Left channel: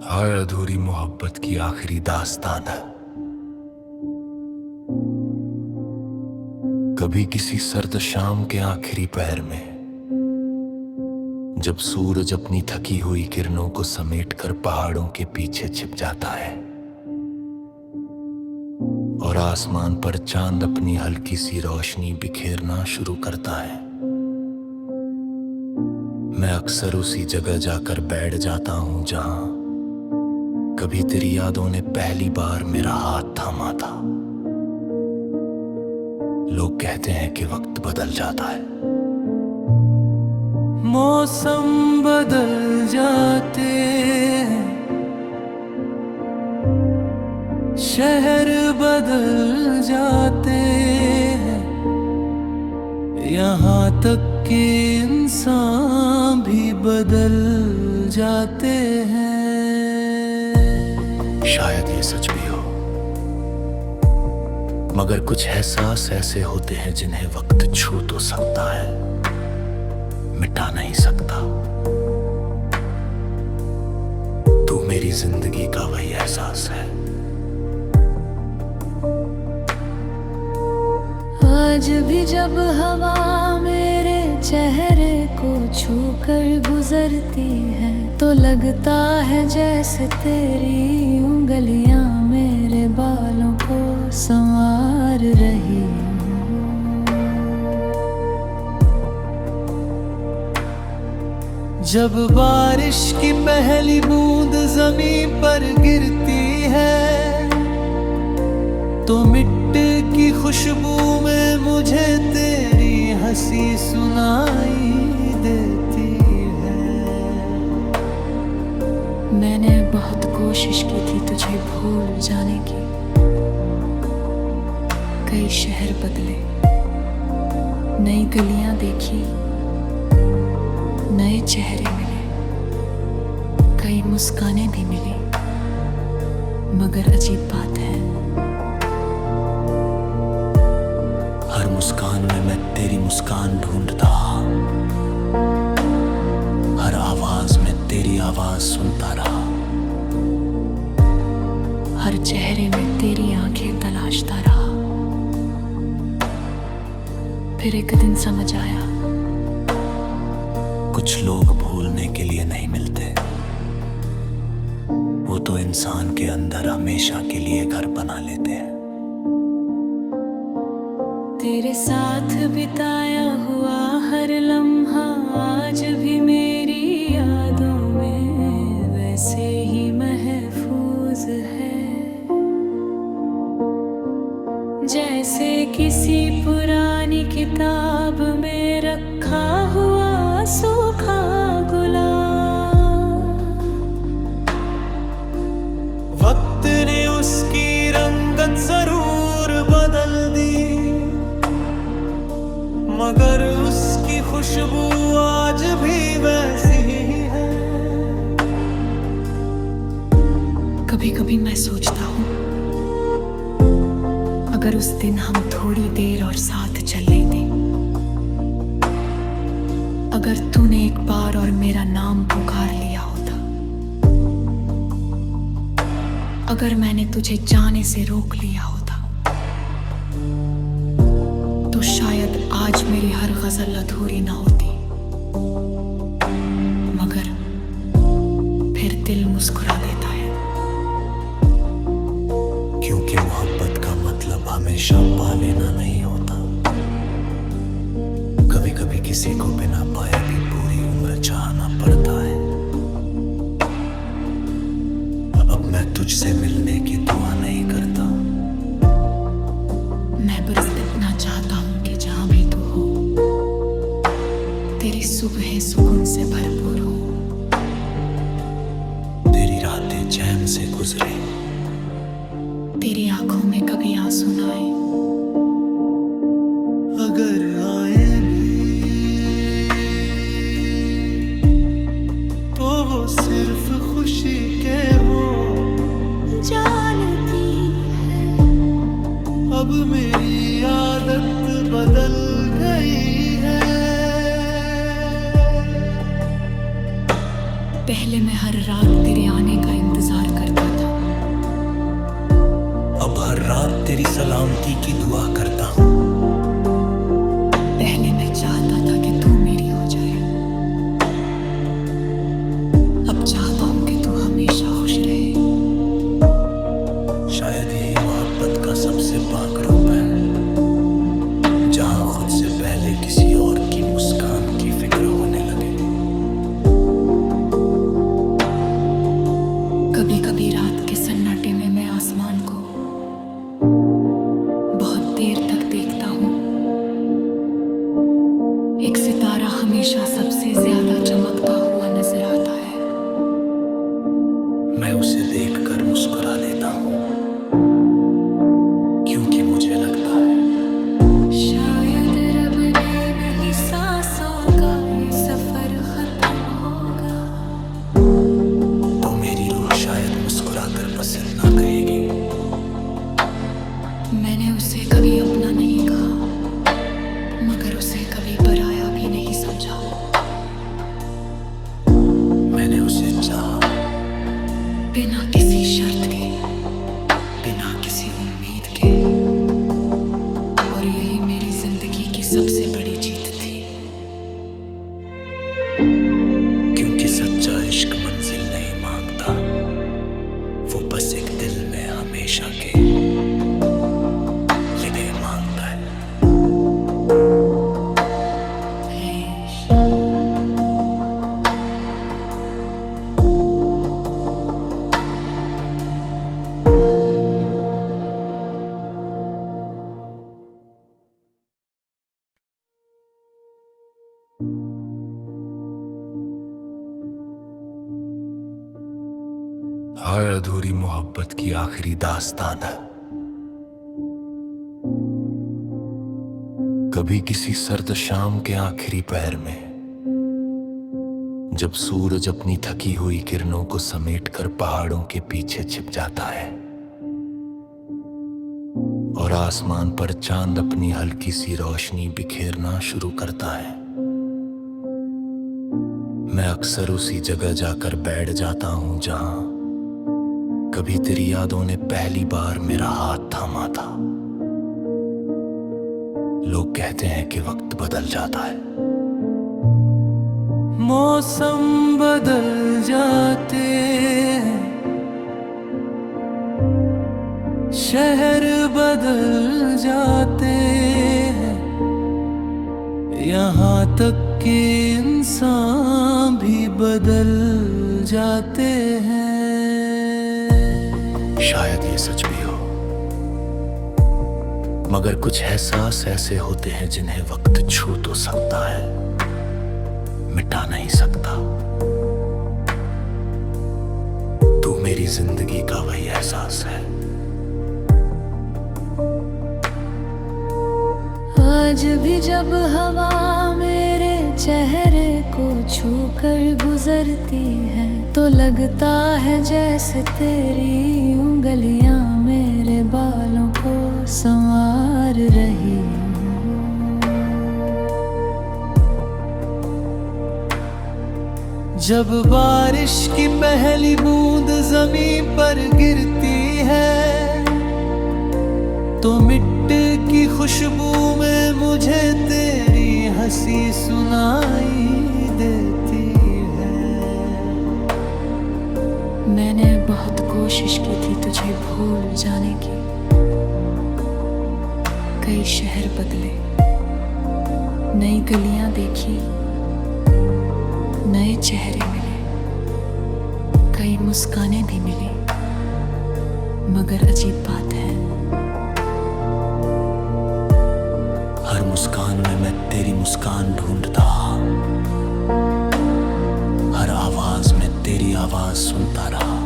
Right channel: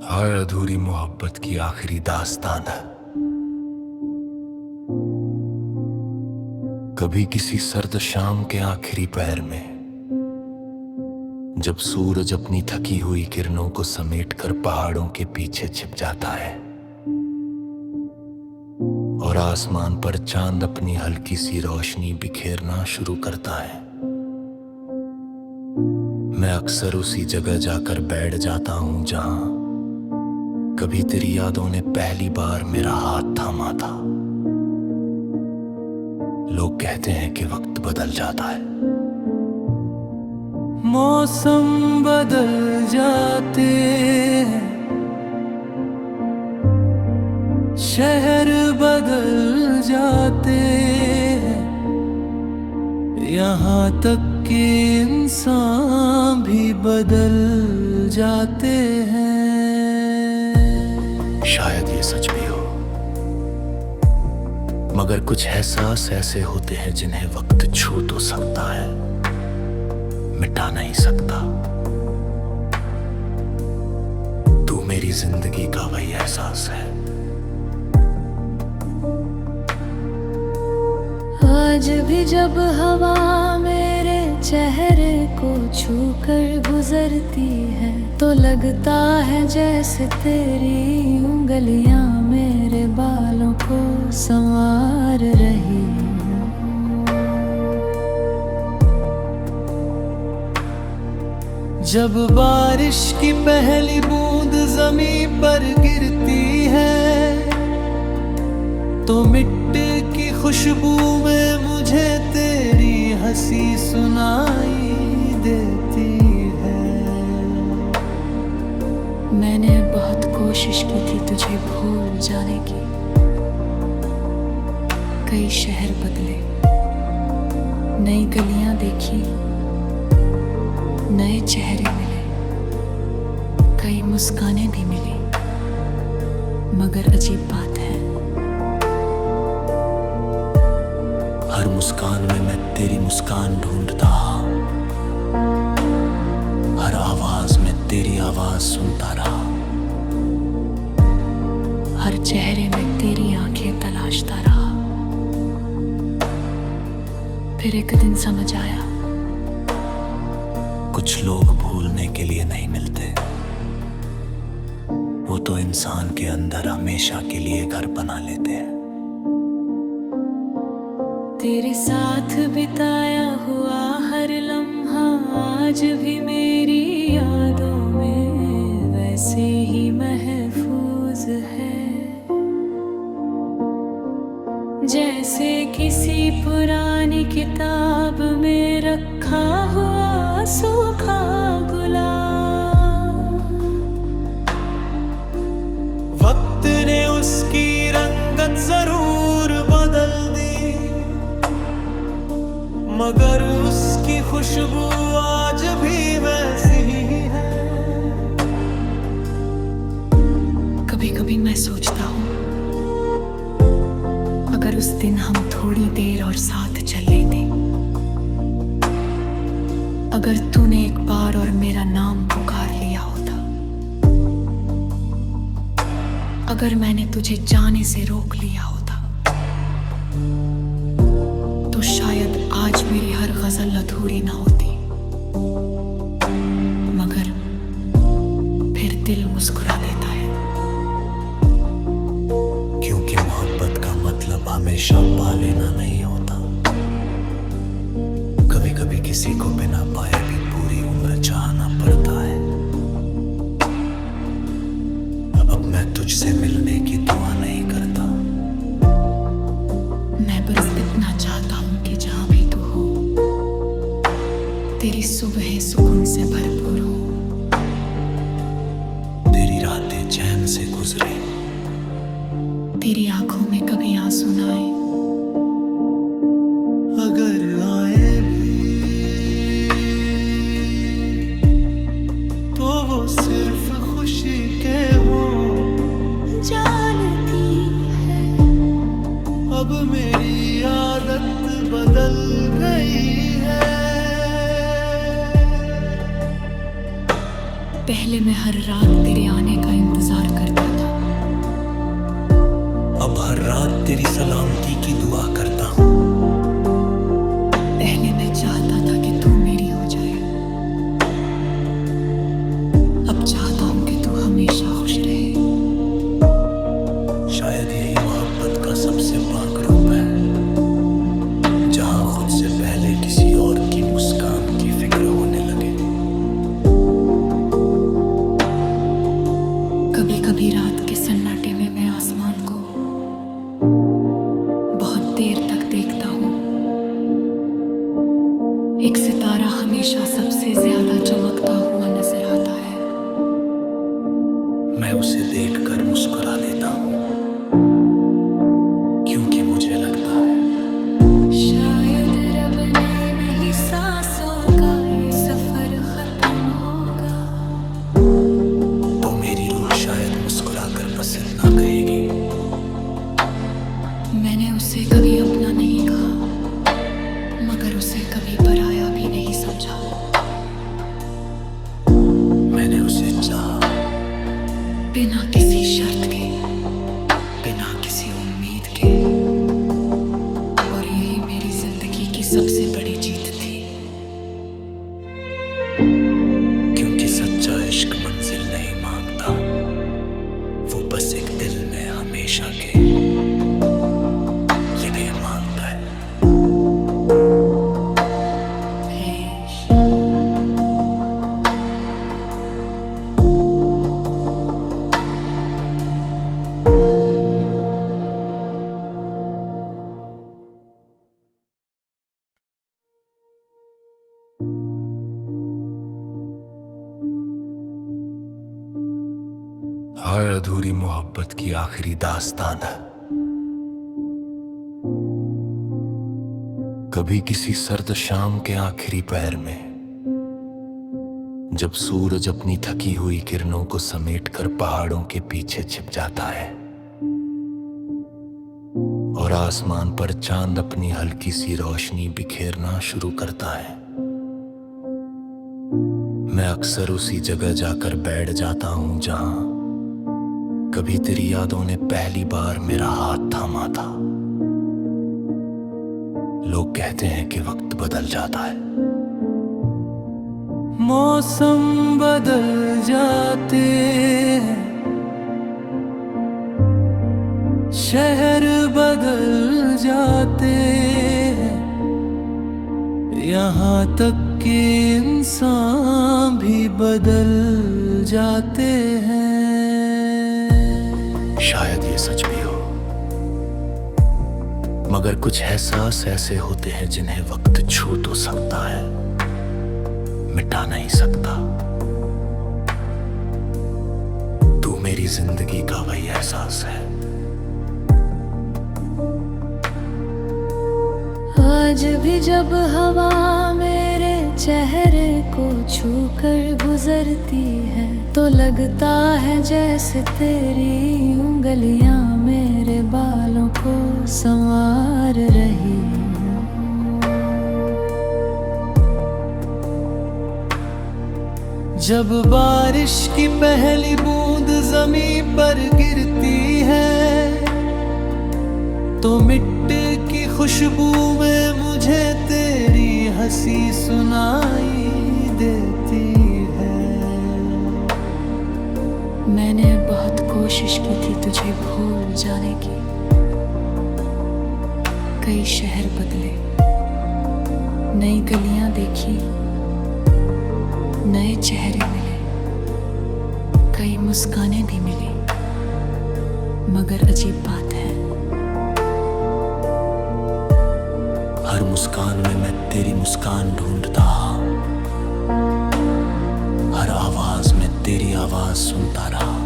हर अधूरी मोहब्बत की आखिरी दास्तान है। कभी किसी सर्द शाम के आखिरी पहर में, जब सूरज अपनी थकी हुई किरणों को समेटकर पहाड़ों के पीछे छिप जाता है और आसमान पर चांद अपनी हल्की सी रोशनी बिखेरना शुरू करता है, मैं अक्सर उसी जगह जाकर बैठ जाता हूं जहां कभी तेरी यादों ने पहली बार मेरा हाथ थामा था। लोग कहते हैं कि वक्त बदल जाता है, मौसम बदल जाते हैं, शहर बदल जाते हैं, यहाँ तक कि इंसान भी बदल जाते हैं। शायद ये सच भी हो, मगर कुछ एहसास ऐसे होते हैं जिन्हें वक्त छू तो सकता है, मिटा नहीं सकता। तू मेरी जिंदगी का वही एहसास है। आज भी जब हवा मेरे चेहरे को छूकर गुजरती है तो लगता है जैसे तेरी उंगलियां मेरे बालों को संवार रही हों। जब बारिश की पहली बूंद जमीन पर गिरती है तो मिट्टी की खुशबू में मुझे तेरी हंसी सुनाई देती है। मैंने बहुत कोशिश की थी तुझे भूल जाने की। कई शहर बदले, नई गलियां देखी, नए चेहरे मिले, कई मुस्कानें भी मिली, मगर अजीब बात है, हर मुस्कान में मैं तेरी मुस्कान ढूंढता, हर आवाज में तेरी आवाज सुनता रहा, हर चेहरे में तेरी आंखें तलाशता रहा। फिर एक दिन समझ आया, कुछ लोग भूलने के लिए नहीं मिलते, वो तो इंसान के अंदर हमेशा के लिए घर बना लेते हैं। तेरे साथ बिताया हुआ हर लम्हा आज भी मेरी यादों में वैसे ही महफूज है, जैसे किसी पुरानी किताब में रखा हुआ सूखा गुलाब। वक्त ने उसकी रंगत जरूर बदल दी, मगर उसकी खुशबू आज भी वैसी ही है। कभी कभी मैं सोचता हूँ, अगर उस दिन हम थोड़ी देर और साथ चल लेते, अगर तूने एक बार और मेरा नाम पुकार लिया होता, अगर मैंने तुझे जाने से रोक लिया होता, तो शायद आज मेरी हर गजल अधूरी ना होती। मगर फिर दिल मुस्कुरा देता है, क्योंकि मोहब्बत का मतलब हमेशा पा लेना नहीं होता। कभी कभी किसी को बिना पाए भी पूरी उम्र चाहना पड़ता है। अब मैं तुझसे मिलने की दुआ नहीं करता, मैं बस इतना चाहता हूं कि जहां भी तू हो, तेरी सुबहें सुकून से भरपूर हो, तेरी रातें चैन से गुजरे, तेरी आंखों में कभी आंसू ना आए, अगर आए भी तो वो सिर्फ खुशी के हो। जानती है अब मेरी आदत बदल गई है, पहले मैं हर रात तेरे आने का इंतजार करता था। अब हर रात तेरी सलामती की दुआ करता हूँ। पहले मैं चाहता था कि तू मेरी हो जाए, अब चाहता हूं कि तू हमेशा खुश रहे। शायद यही मोहब्बत का सबसे पाक रूप है, जहां खुद से पहले किसी और की मुस्कान की फिक्र होने लगे। कभी कभी रात के सन्नाटे में मैं आसमान को बहुत देर तक देखता हूं। एक सितारा हमेशा सबसे ज्यादा चमकता हुआ नजर आता है। मैं उसे देखकर मुस्कुरा देता हूँ, क्योंकि मुझे लगता है शायद रब ने नहीं सांसों का ये सफर खत्म होगा, तो मेरी रूह शायद मुस्कुरा कर बस इतना कहेगी। मैंने उसे कभी अपना नहीं कहा, मगर उसे कभी पराया भी नहीं समझा। मैंने उसे चाहा, बिना किसी शर्त के, बिना किसी उम्मीद के, और यही मेरी जिंदगी की सबसे बड़ी जीत थी। क्योंकि सच्चा इश्क मंजिल नहीं मांगता, वो बस एक दिल में हमेशा के लिए मांगता है। ऐश हाय अधूरी मोहब्बत की आखिरी दास्तान है। कभी किसी सर्द शाम के आखिरी पहर में, जब सूरज अपनी थकी हुई किरणों को समेटकर पहाड़ों के पीछे छिप जाता है और आसमान पर चांद अपनी हल्की सी रोशनी बिखेरना शुरू करता है, मैं अक्सर उसी जगह जाकर बैठ जाता हूं जहां कभी तेरी यादों ने पहली बार मेरा हाथ थामा था। लोग कहते हैं कि वक्त बदल जाता है, मौसम बदल जाते हैं, शहर बदल जाते हैं, यहाँ तक कि इंसान भी बदल जाते हैं। शायद ये सच भी हो, मगर कुछ एहसास ऐसे होते हैं जिन्हें वक्त छू तो सकता है, मिटा नहीं सकता। तू मेरी जिंदगी का वही एहसास है। आज भी जब हवा मेरे चेहरे को छूकर गुजरती है, तो लगता है जैसे तेरी उंगलियां मेरे बालों को संवार रही हूँ। जब बारिश की पहली बूंद जमीन पर गिरती है, तो मिट्टी की खुशबू में मुझे तेरी हंसी सुनाई देती है। मैंने बहुत कोशिश की थी तुझे भूल जाने की। कई शहर बदले, नई गलियां देखी, नए चेहरे मिले, कई मुस्कानें भी मिली, मगर अजीब बात है, हर मुस्कान में मैं तेरी मुस्कान ढूंढता, हर आवाज में तेरी आवाज सुनता रहा,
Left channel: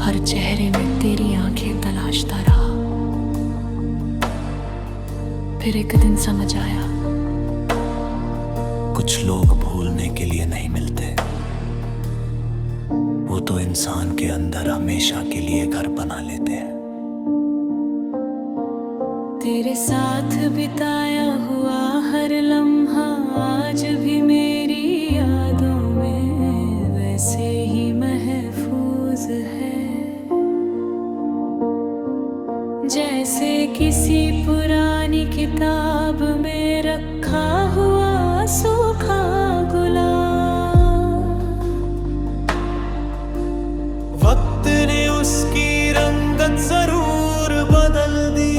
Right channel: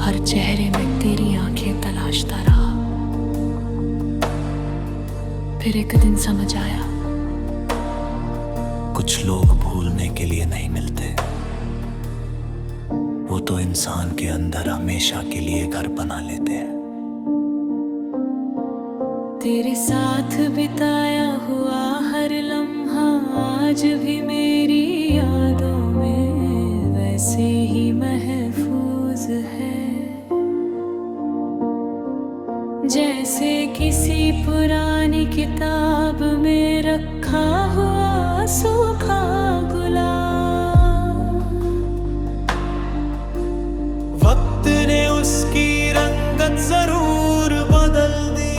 हर चेहरे में तेरी आंखें तलाशता रहा। फिर एक दिन समझ आया, कुछ लोग भूलने के लिए नहीं मिलते, वो तो इंसान के अंदर हमेशा के लिए घर बना लेते हैं। तेरे साथ बिताया हुआ हर लम्हा आज भी मेरी यादों में वैसे ही महफूज है, जैसे किसी पुरानी किताब में रखा हुआ सूखा गुलाब। वक्त ने उसकी रंगत जरूर बदल दी,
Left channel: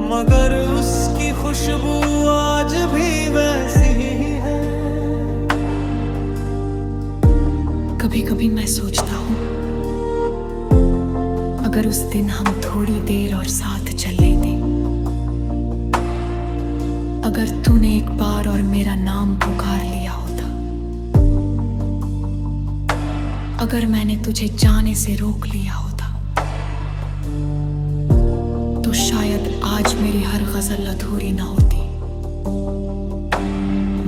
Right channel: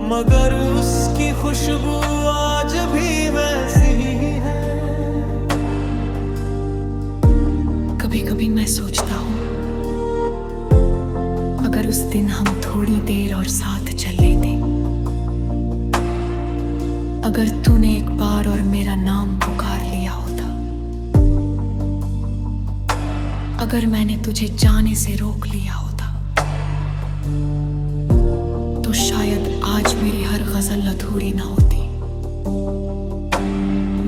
मगर उसकी खुशबू आज भी वैसी ही है। कभी कभी मैं सोचता हूँ, अगर उस दिन हम थोड़ी देर और साथ चल लेते, अगर तूने एक बार और मेरा नाम पुकार लिया होता, अगर मैंने तुझे जाने से रोक लिया होता, तो शायद आज मेरी हर गजल अधूरी ना होती।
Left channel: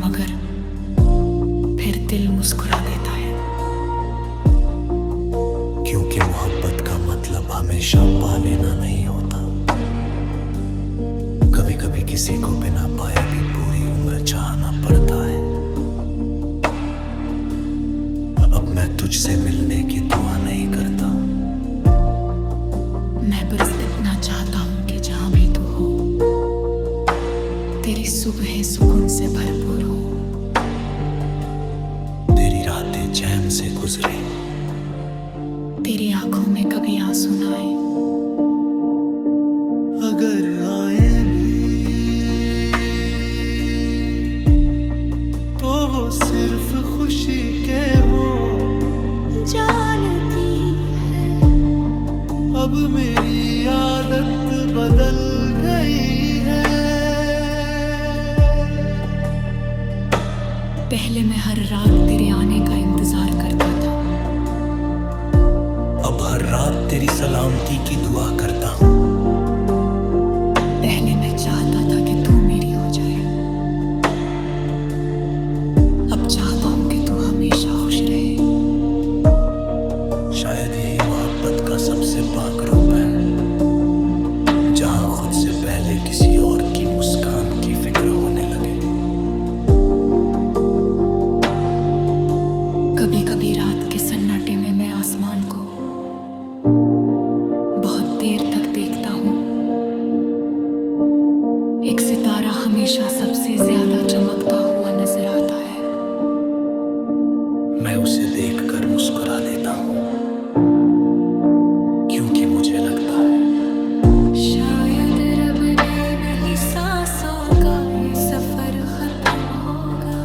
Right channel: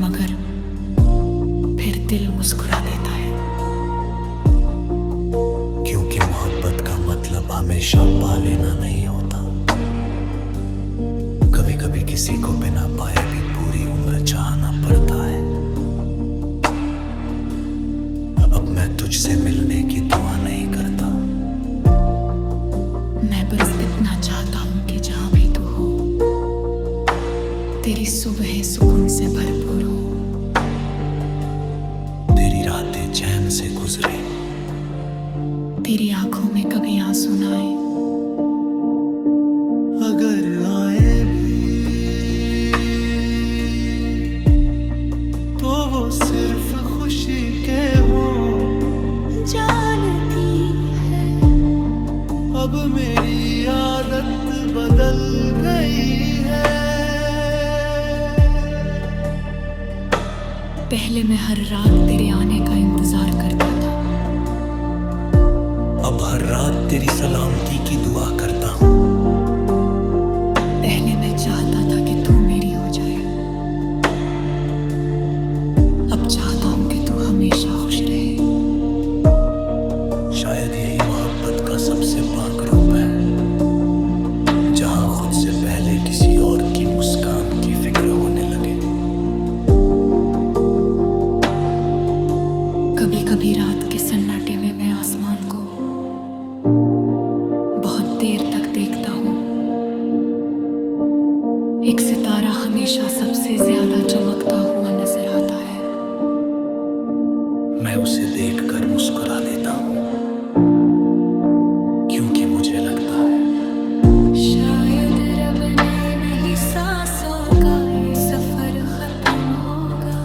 मगर फिर दिल मुस्कुरा देता है, क्योंकि मोहब्बत का मतलब हमेशा पा लेना नहीं होता। कभी कभी किसी को बिना पाए भी पूरी उम्र चाहना पड़ता है। अब मैं तुझसे मिलने की दुआ नहीं करता, मैं बस इतना चाहता हूं कि जहां भी तू हो, तेरी सुबहें सुकून से भरपूर हो, तेरी रातें चैन से गुजरे, तेरी आंखों में कभी आंसू ना आए, अगर आए भी तो वो सिर्फ खुशी के हो। जानती है अब मेरी आदत बदल गई है। पहले मैं हर रात तेरे आने का इंतजार करता था, अब हर रात तेरी सलामती की दुआ करता हूँ। पहले मैं चाहता था कि तू मेरी हो जाए, अब चाहता हूं कि तू हमेशा खुश रहे। शायद यही मोहब्बत का सबसे पाक रूप है, जहां खुद से पहले किसी और की मुस्कान की फिक्र होने लगे। कभी कभी रात के सन्नाटे में मैं आसमान को बहुत देर तक देखता हूं। एक सितारा हमेशा सबसे ज्यादा चमकता हुआ नजर आता है। मैं उसे देखकर मुस्कुरा देता हूँ, क्योंकि मुझे लगता है शायद रब ने नहीं सांसों का ये सफर खत्म होगा,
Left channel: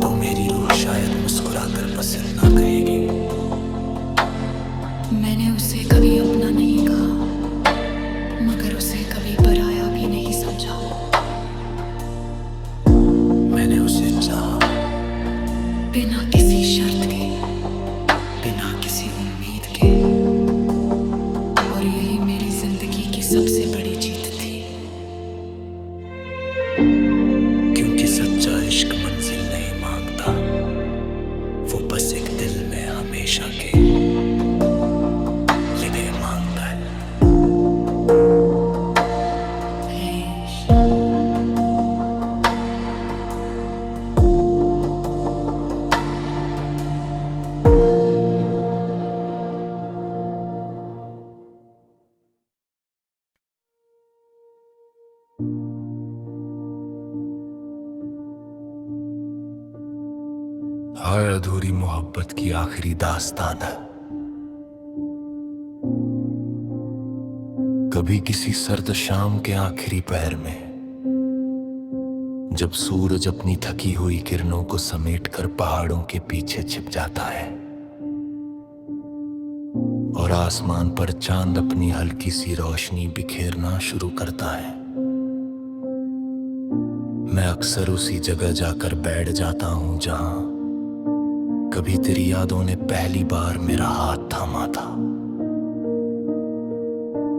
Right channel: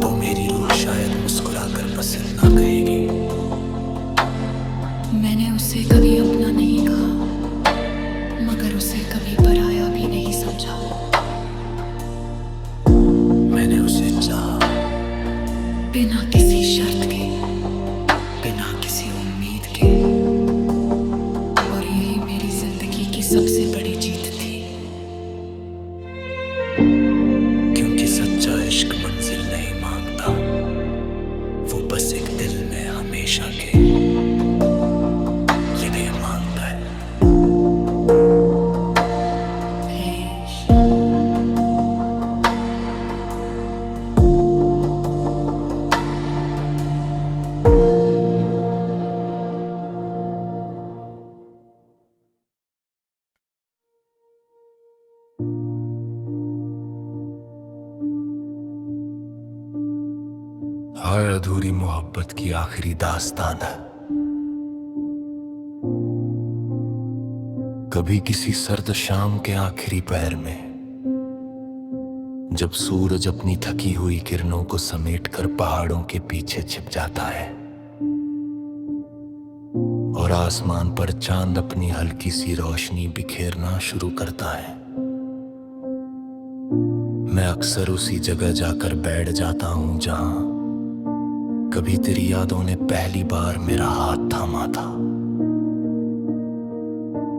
तो मेरी रूह शायद मुस्कुरा कर बस इतना कहेगी। मैंने उसे कभी अपना नहीं कहा, मगर उसे कभी पराया भी नहीं समझा। मैंने उसे चाहा, बिना किसी शर्त के, बिना किसी उम्मीद के, और यही मेरी जिंदगी की सबसे बड़ी जीत थी। क्योंकि सच्चा इश्क मंजिल नहीं मांगता, वो बस एक दिल में हमेशा के लिए मांगता है। ऐश हर अधूरी मोहब्बत की आखिरी दास्तान है। कभी किसी सर्द शाम के आखिरी पहर में, जब सूरज अपनी थकी हुई किरणों को समेटकर पहाड़ों के पीछे छिप जाता है और आसमान पर चांद अपनी हल्की सी रोशनी बिखेरना शुरू करता है, मैं अक्सर उसी जगह जाकर बैठ जाता हूं जहां कभी तेरी यादों ने पहली बार मेरा हाथ थामा था।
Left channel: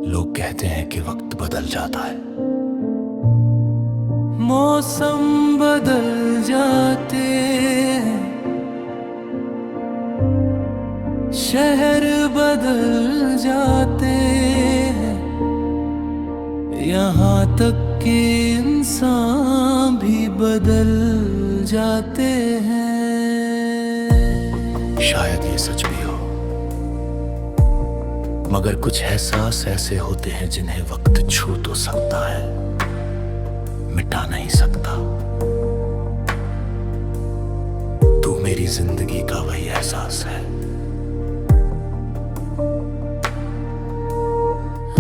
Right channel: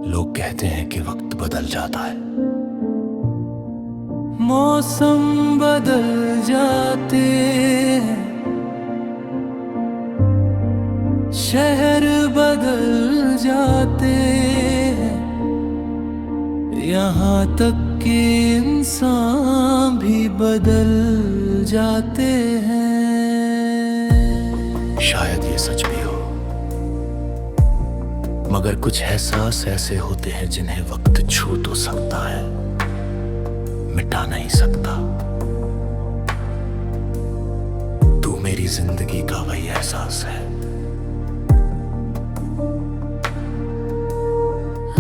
लोग कहते हैं कि वक्त बदल जाता है, मौसम बदल जाते हैं, शहर बदल जाते हैं, यहाँ तक कि इंसान भी बदल जाते हैं। शायद ये सच भी हो, मगर कुछ एहसास ऐसे होते हैं जिन्हें वक्त छू तो सकता है, मिटा नहीं सकता। तू मेरी जिंदगी का वही एहसास है।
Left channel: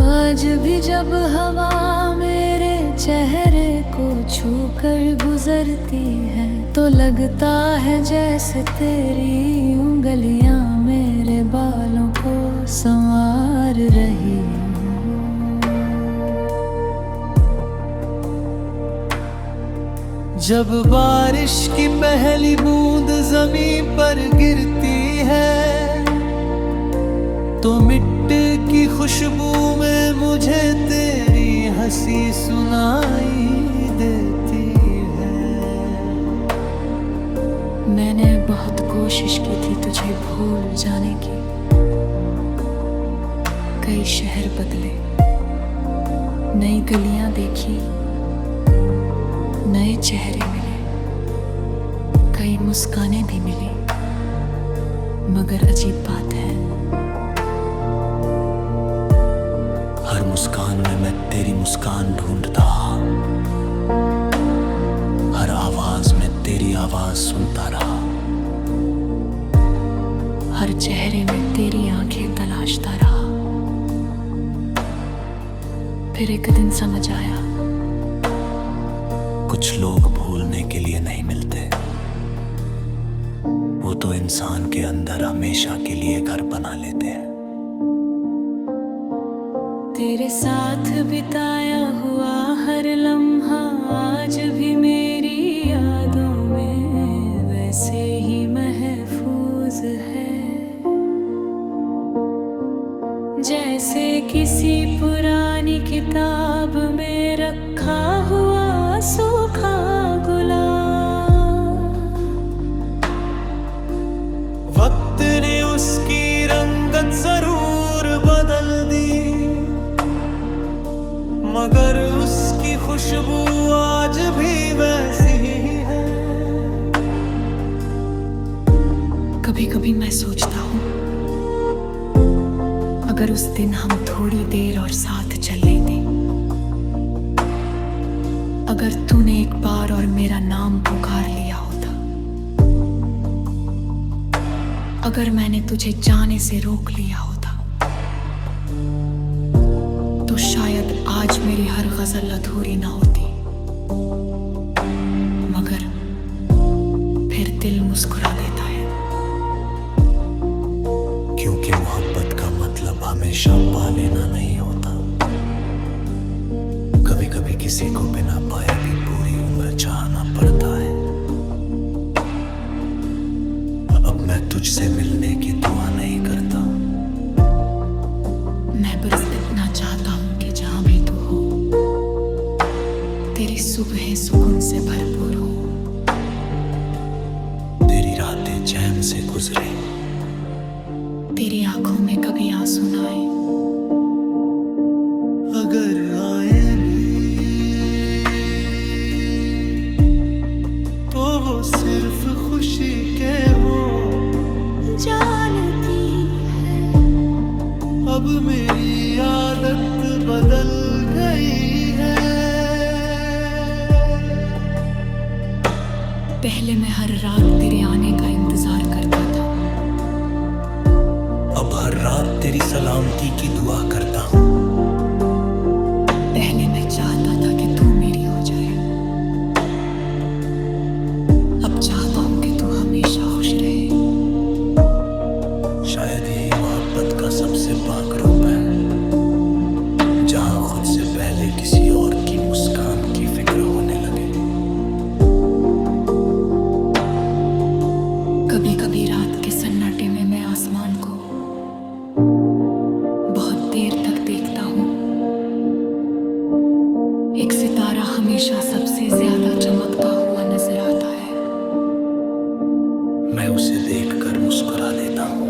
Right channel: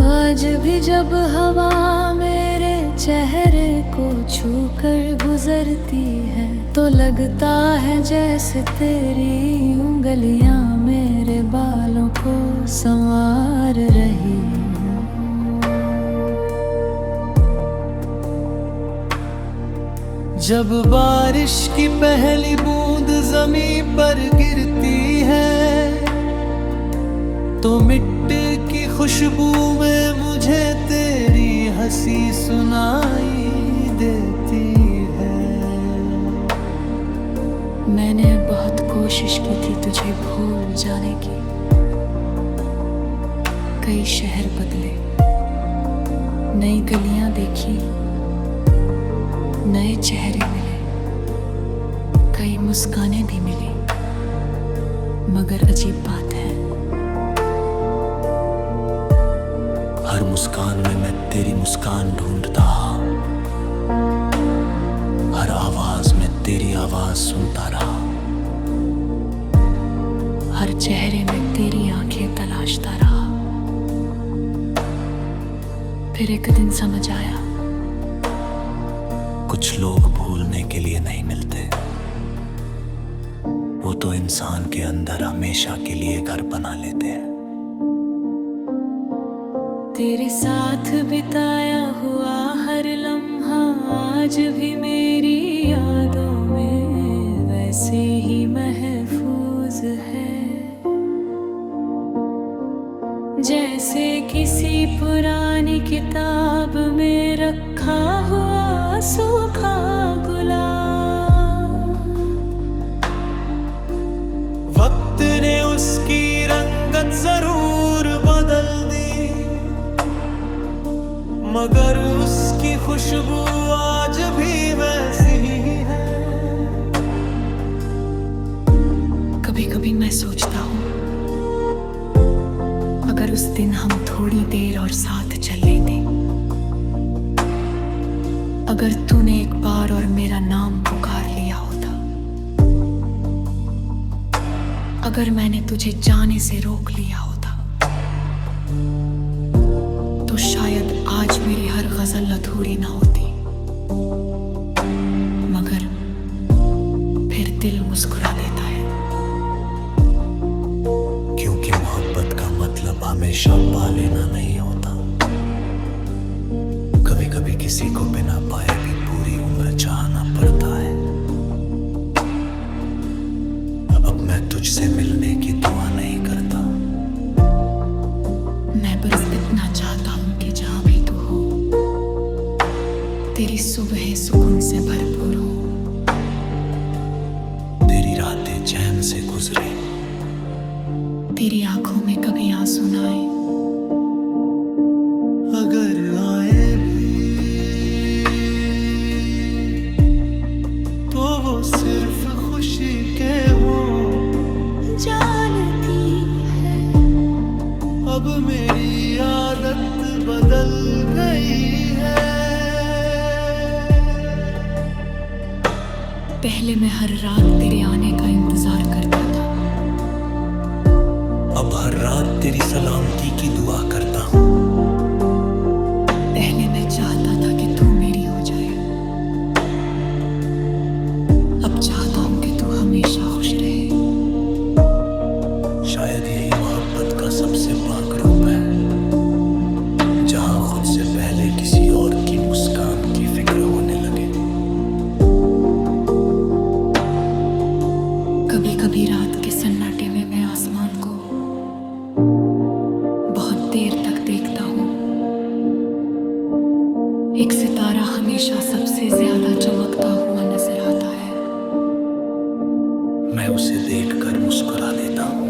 आज भी जब हवा मेरे चेहरे को छूकर गुजरती है, तो लगता है जैसे तेरी उंगलियां मेरे बालों को संवार रही हूँ। जब बारिश की पहली बूंद जमीन पर गिरती है, तो मिट्टी की खुशबू में मुझे तेरी हंसी सुनाई देती है। मैंने बहुत कोशिश की थी तुझे भूल जाने की। कई शहर बदले, नई गलियां देखी, नए चेहरे मिले, कई मुस्कानें भी मिली, मगर अजीब बात है, हर मुस्कान में मैं तेरी मुस्कान ढूंढता, हर आवाज में तेरी आवाज सुनता रहा, हर चेहरे में तेरी आंखें तलाशता रहा। फिर एक दिन समझ आया, कुछ लोग भूलने के लिए नहीं मिलते, वो तो इंसान के अंदर हमेशा के लिए घर बना लेते हैं। तेरे साथ बिताया हुआ हर लम्हा आज भी मेरी यादों में वैसे ही महफूज है, जैसे किसी पुरानी किताब में रखा हुआ सूखा गुलाब। वक्त ने उसकी रंगत जरूर बदल दी, मगर उसकी खुशबू आज भी वैसी ही है। कभी कभी मैं सोचता हूँ, अगर उस दिन हम थोड़ी देर और साथ चल लेते, अगर तूने एक बार और मेरा नाम पुकार लिया होता, अगर मैंने तुझे जाने से रोक लिया होता, तो शायद आज मेरी हर गजल अधूरी ना होती। मगर फिर दिल मुस्कुरा देता है, क्योंकि मोहब्बत का मतलब हमेशा पा लेना नहीं होता। कभी कभी किसी को बिना पाए भी पूरी उम्र चाहना पड़ता है। अब मैं तुझसे मिलने की दुआ नहीं करता, मैं बस इतना चाहता हूं कि जहां भी तू हो, तेरी सुबहें सुकून से भरपूर हो, तेरी रातें चैन से गुजरे, तेरी आंखों में कभी आंसू ना आए, अगर आए भी तो वो सिर्फ खुशी के हो। जानती है अब मेरी आदत बदल गई है। पहले मैं हर रात तेरे आने का इंतजार करता था, अब हर रात तेरी सलामती की दुआ करता हूँ। पहले मैं चाहता था कि तू मेरी हो जाए, अब चाहता हूं कि तू हमेशा खुश रहे। शायद यही मोहब्बत का सबसे पाक रूप है, जहां खुद से पहले किसी और की मुस्कान की फिक्र होने लगे। कभी कभी रात के सन्नाटे में मैं आसमान को बहुत देर तक देखता हूं। एक सितारा हमेशा सबसे ज्यादा चमकता हुआ नजर आता है। मैं उसे देखकर मुस्कुरा देता हूँ।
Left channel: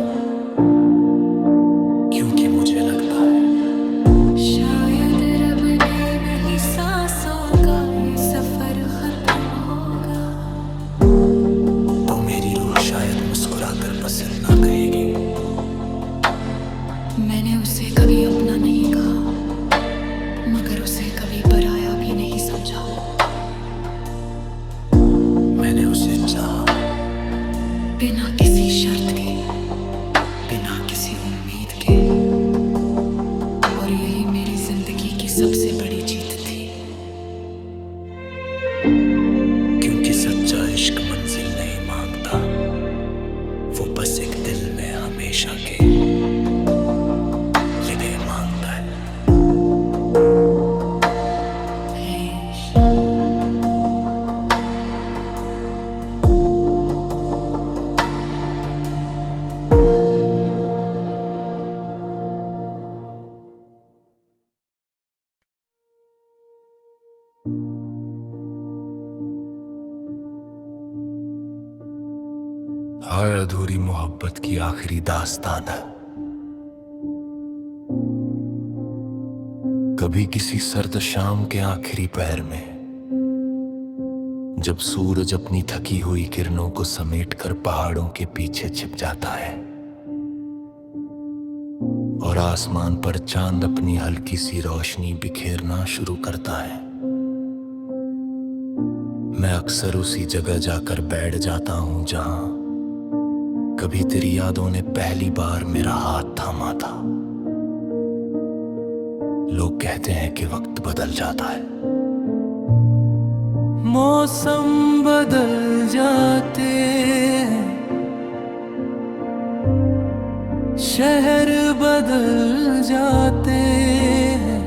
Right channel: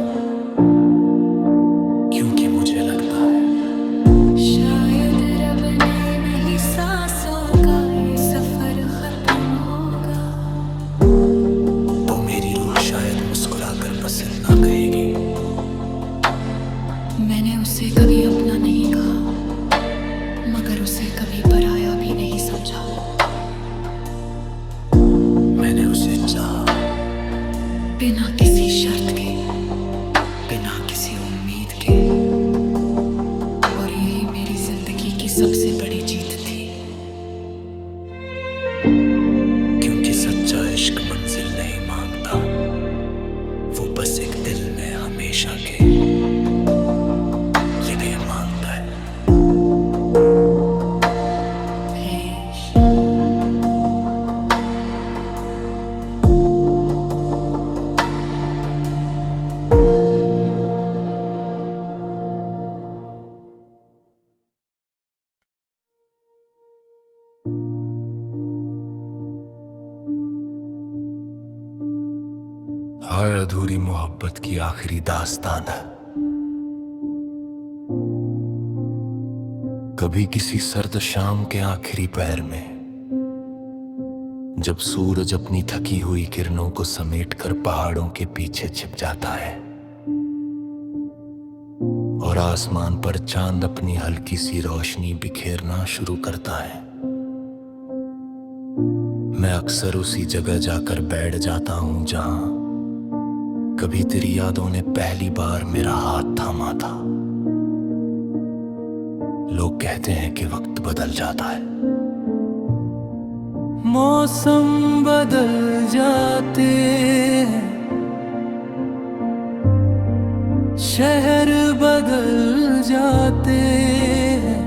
क्योंकि मुझे लगता है शायद रब ने नहीं सांसों का ये सफर खत्म होगा। तो मेरी रूह शायद मुस्कुराकर बस इतना कहेगी, मैंने उसे कभी अपना नहीं कहा, मगर उसे कभी पराया भी नहीं समझा। मैंने उसे चाहा, बिना किसी शर्त के, बिना किसी उम्मीद के, और यही मेरी जिंदगी की सबसे बड़ी जीत थी। क्योंकि सच्चा इश्क मंजिल नहीं मांगता, वो बस एक दिल में हमेशा के लिए मांगता है। इश्क हाय अधूरी मोहब्बत की आखिरी दास्तान है। कभी किसी सर्द शाम के आखिरी पहर में, जब सूरज अपनी थकी हुई किरणों को समेटकर पहाड़ों के पीछे छिप जाता है और आसमान पर चांद अपनी हल्की सी रोशनी बिखेरना शुरू करता है, मैं अक्सर उसी जगह जाकर बैठ जाता हूं जहां कभी तेरी यादों ने पहली बार मेरा हाथ थामा था। लोग कहते हैं कि वक्त बदल जाता है, मौसम बदल जाते हैं, शहर बदल जाते हैं,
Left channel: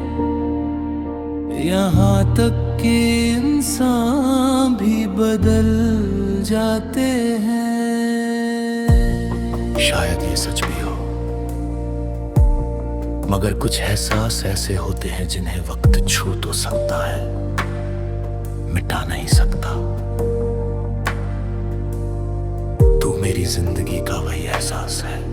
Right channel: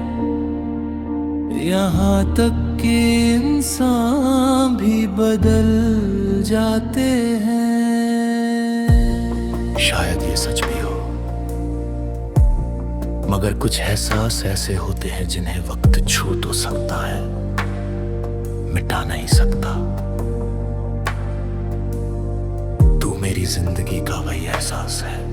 यहाँ तक कि इंसान भी बदल जाते हैं। शायद ये सच भी हो, मगर कुछ एहसास ऐसे होते हैं जिन्हें वक्त छू तो सकता है, मिटा नहीं सकता। तू मेरी जिंदगी का वही एहसास है।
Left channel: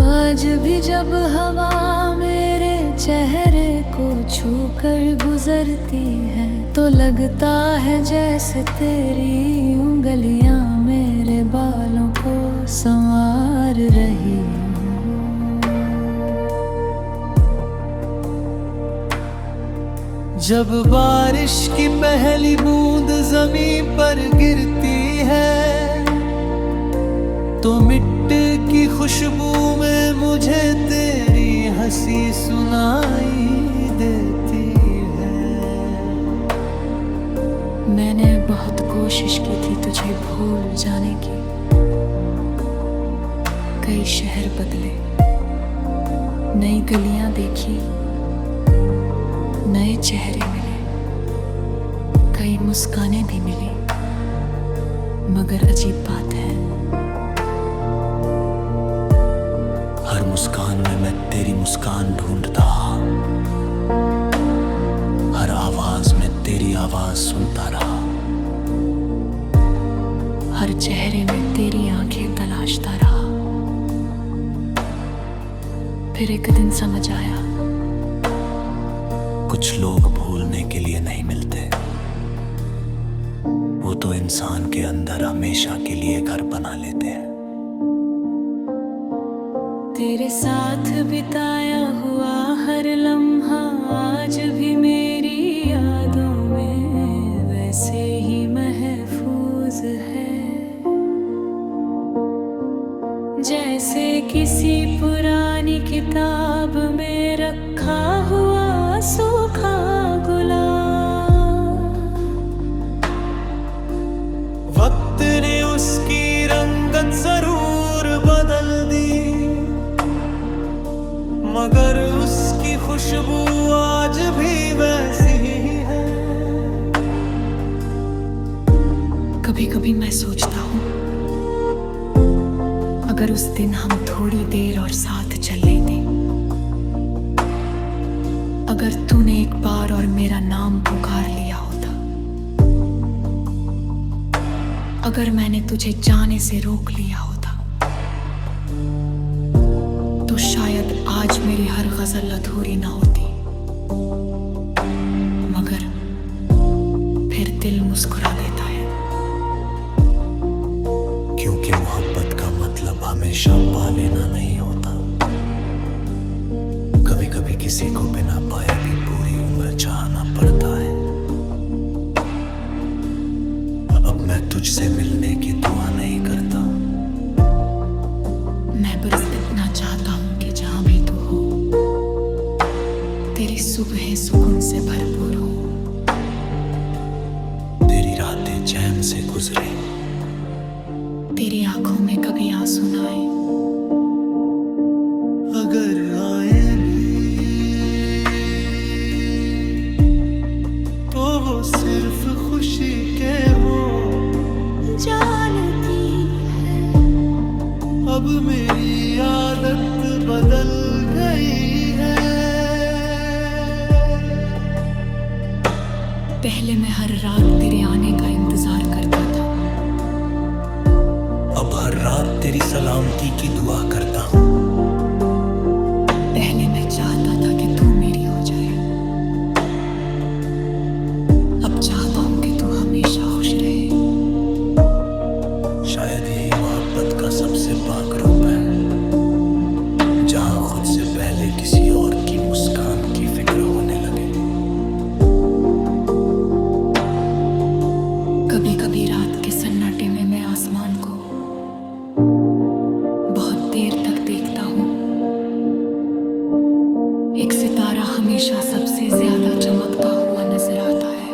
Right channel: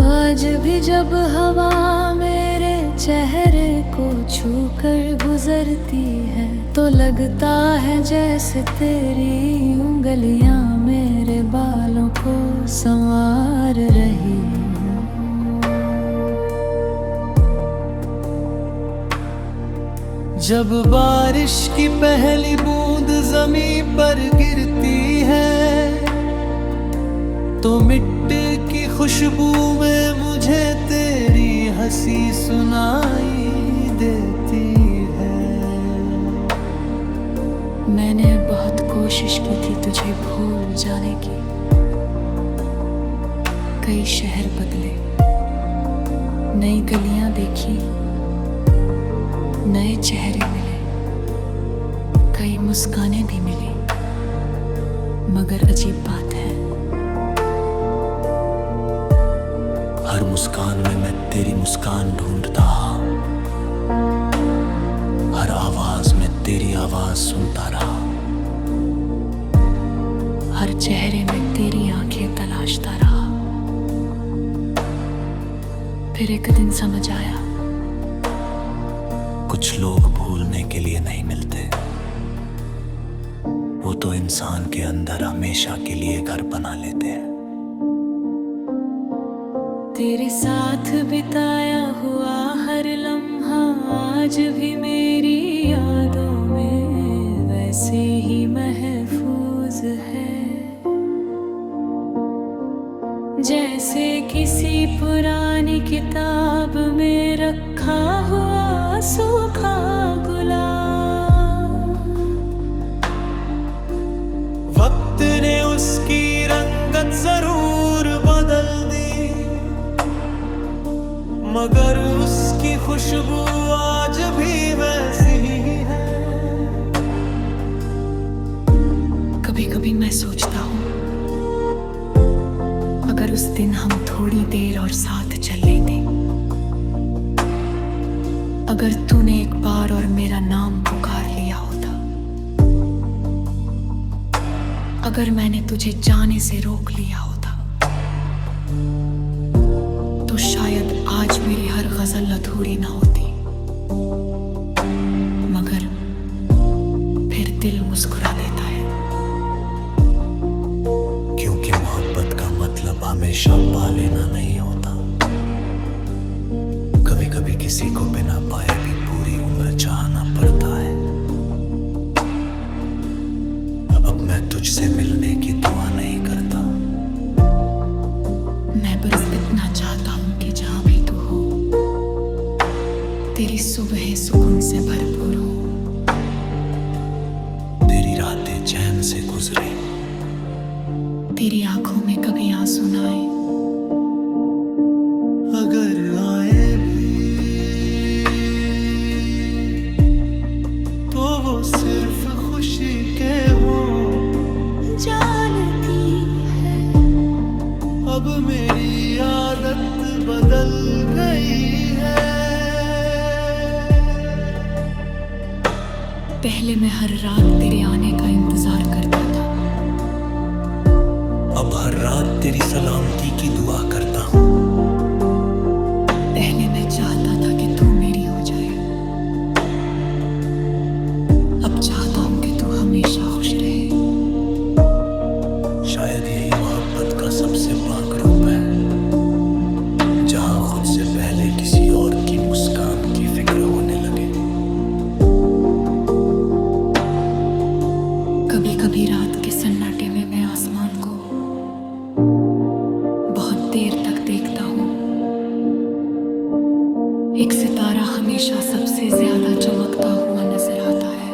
आज भी जब हवा मेरे चेहरे को छूकर गुजरती है, तो लगता है जैसे तेरी उंगलियां मेरे बालों को संवार रही हूँ। जब बारिश की पहली बूंद जमीन पर गिरती है, तो मिट्टी की खुशबू में मुझे तेरी हंसी सुनाई देती है। मैंने बहुत कोशिश की थी तुझे भूल जाने की, कई शहर बदले, नई गलियां देखी, नए चेहरे मिले, कई मुस्कानें भी मिली, मगर अजीब बात है, हर मुस्कान में मैं तेरी मुस्कान ढूंढता, हर आवाज में तेरी आवाज सुनता रहा, हर चेहरे में तेरी आंखें तलाशता रहा। फिर एक दिन समझ आया, कुछ लोग भूलने के लिए नहीं मिलते, वो तो इंसान के अंदर हमेशा के लिए घर बना लेते हैं। तेरे साथ बिताया हुआ हर लम्हा आज भी मेरी यादों में वैसे ही महफूज है, जैसे किसी पुरानी किताब में रखा हुआ सूखा गुलाब। वक्त ने उसकी रंगत जरूर बदल दी, मगर उसकी खुशबू आज भी वैसी ही है। कभी कभी मैं सोचता हूँ, अगर उस दिन हम थोड़ी देर और साथ चल लेते, अगर तूने एक बार और मेरा नाम पुकार लिया होता, अगर मैंने तुझे जाने से रोक लिया होता, तो शायद आज मेरी हर गजल अधूरी ना होती। मगर फिर दिल मुस्कुरा देता है। क्योंकि मोहब्बत का मतलब हमेशा पा लेना नहीं होता। कभी कभी किसी को बिना पाए भी पूरी उम्र चाहना पड़ता है। अब मैं तुझसे मिलने की दुआ नहीं करता। मैं बस इतना चाहता हूं कि जहां भी तू हो, तेरी सुबहें सुकून से भरपूर हो, तेरी रातें चैन से गुजरे, तेरी आंखों में कभी आंसू ना आए। अगर आए भी तो वो सिर्फ खुशी के हो। जानती है अब मेरी आदत बदल गई है। पहले मैं हर रात तेरे आने का इंतजार करता था। अब हर रात तेरी सलामती की दुआ करता हूँ। पहले मैं चाहता था कि तू मेरी हो जाए। अब चाहता हूं कि तू हमेशा खुश रहे। शायद यही मोहब्बत का सबसे पाक रूप है, जहां खुद से पहले किसी और की मुस्कान की फिक्र होने लगे। कभी कभी रात के सन्नाटे में मैं आसमान को बहुत देर तक देखता हूं। एक सितारा हमेशा सबसे ज्यादा चमकता हुआ नजर आता है।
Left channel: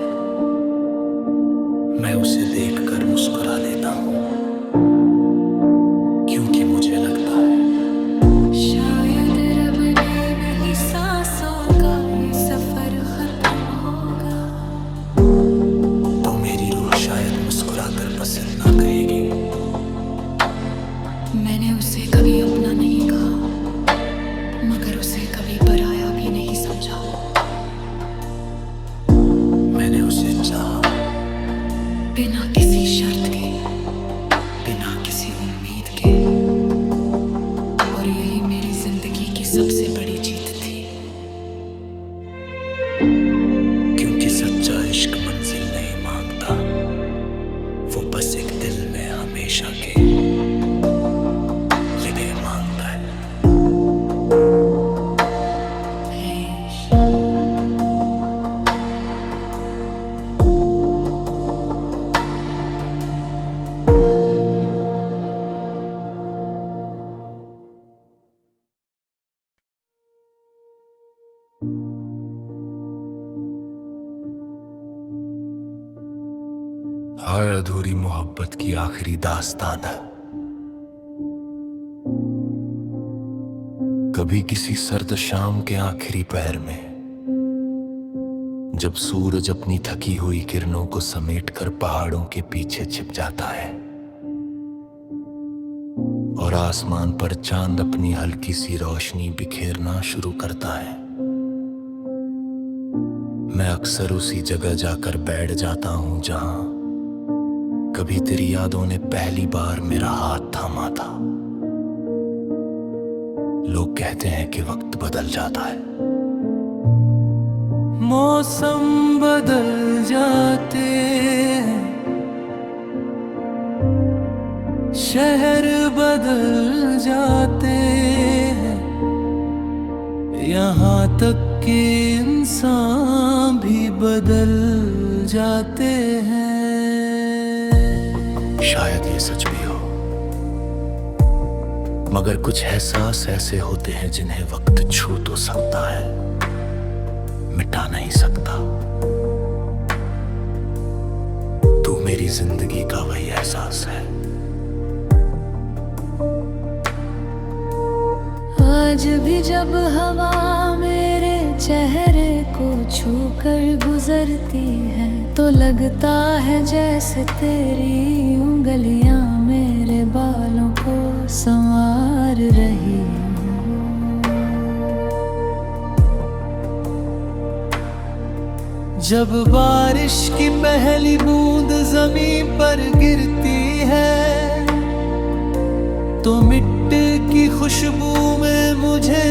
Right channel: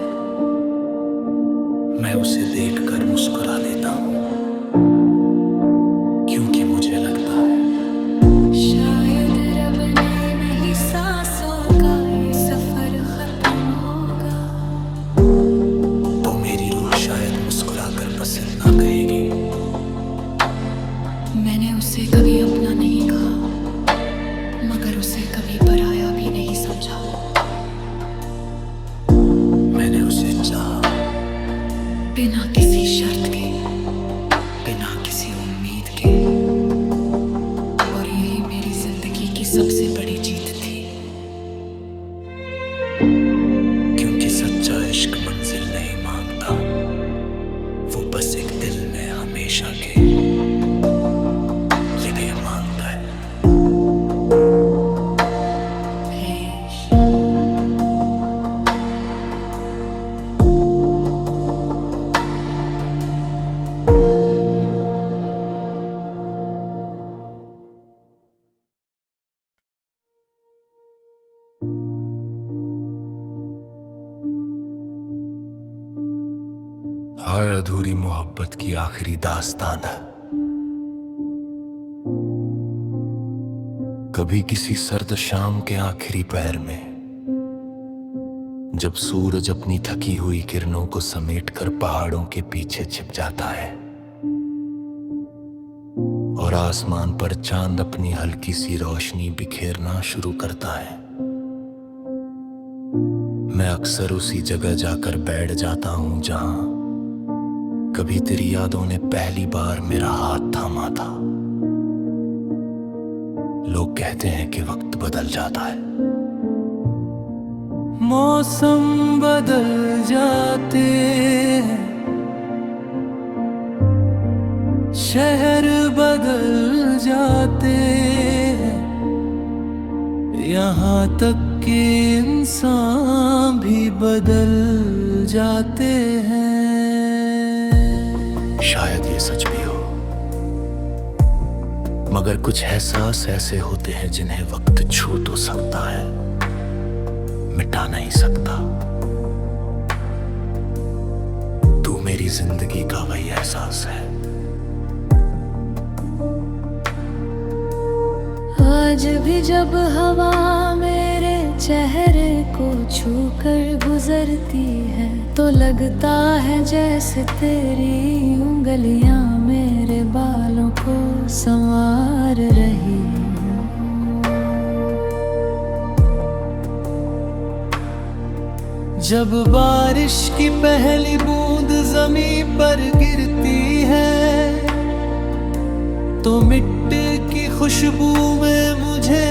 मैं उसे देखकर मुस्कुरा देता हूँ, क्योंकि मुझे लगता है शायद रब ने नहीं सांसों का ये सफर खत्म होगा। तो मेरी रूह शायद मुस्कुरा कर बस इतना कहेगी। मैंने उसे कभी अपना नहीं कहा, मगर उसे कभी पराया भी नहीं समझा। मैंने उसे चाहा, बिना किसी शर्त के, बिना किसी उम्मीद के, और यही मेरी जिंदगी की सबसे बड़ी जीत थी। क्योंकि सच्चा इश्क मंजिल नहीं मांगता, वो बस एक दिल में हमेशा के लिए मांगता है। ऐश हर अधूरी मोहब्बत की आखिरी दास्तान है। कभी किसी सर्द शाम के आखिरी पहर में, जब सूरज अपनी थकी हुई किरणों को समेटकर पहाड़ों के पीछे छिप जाता है और आसमान पर चांद अपनी हल्की सी रोशनी बिखेरना शुरू करता है, मैं अक्सर उसी जगह जाकर बैठ जाता हूं जहां कभी तेरी यादों ने पहली बार मेरा हाथ थामा था। लोग कहते हैं कि वक्त बदल जाता है, मौसम बदल जाते हैं, शहर बदल जाते हैं, यहाँ तक कि इंसान भी बदल जाते हैं। शायद ये सच भी हो, मगर कुछ एहसास ऐसे होते हैं जिन्हें वक्त छू तो सकता है, मिटा नहीं सकता। तू मेरी जिंदगी का वही एहसास है। आज भी जब हवा मेरे चेहरे को छूकर गुजरती है, तो लगता है जैसे तेरी उंगलियां मेरे बालों को संवार रही हों। जब बारिश की पहली बूंद जमीन पर गिरती है, तो मिट्टी मिट्टी की खुशबू में मुझे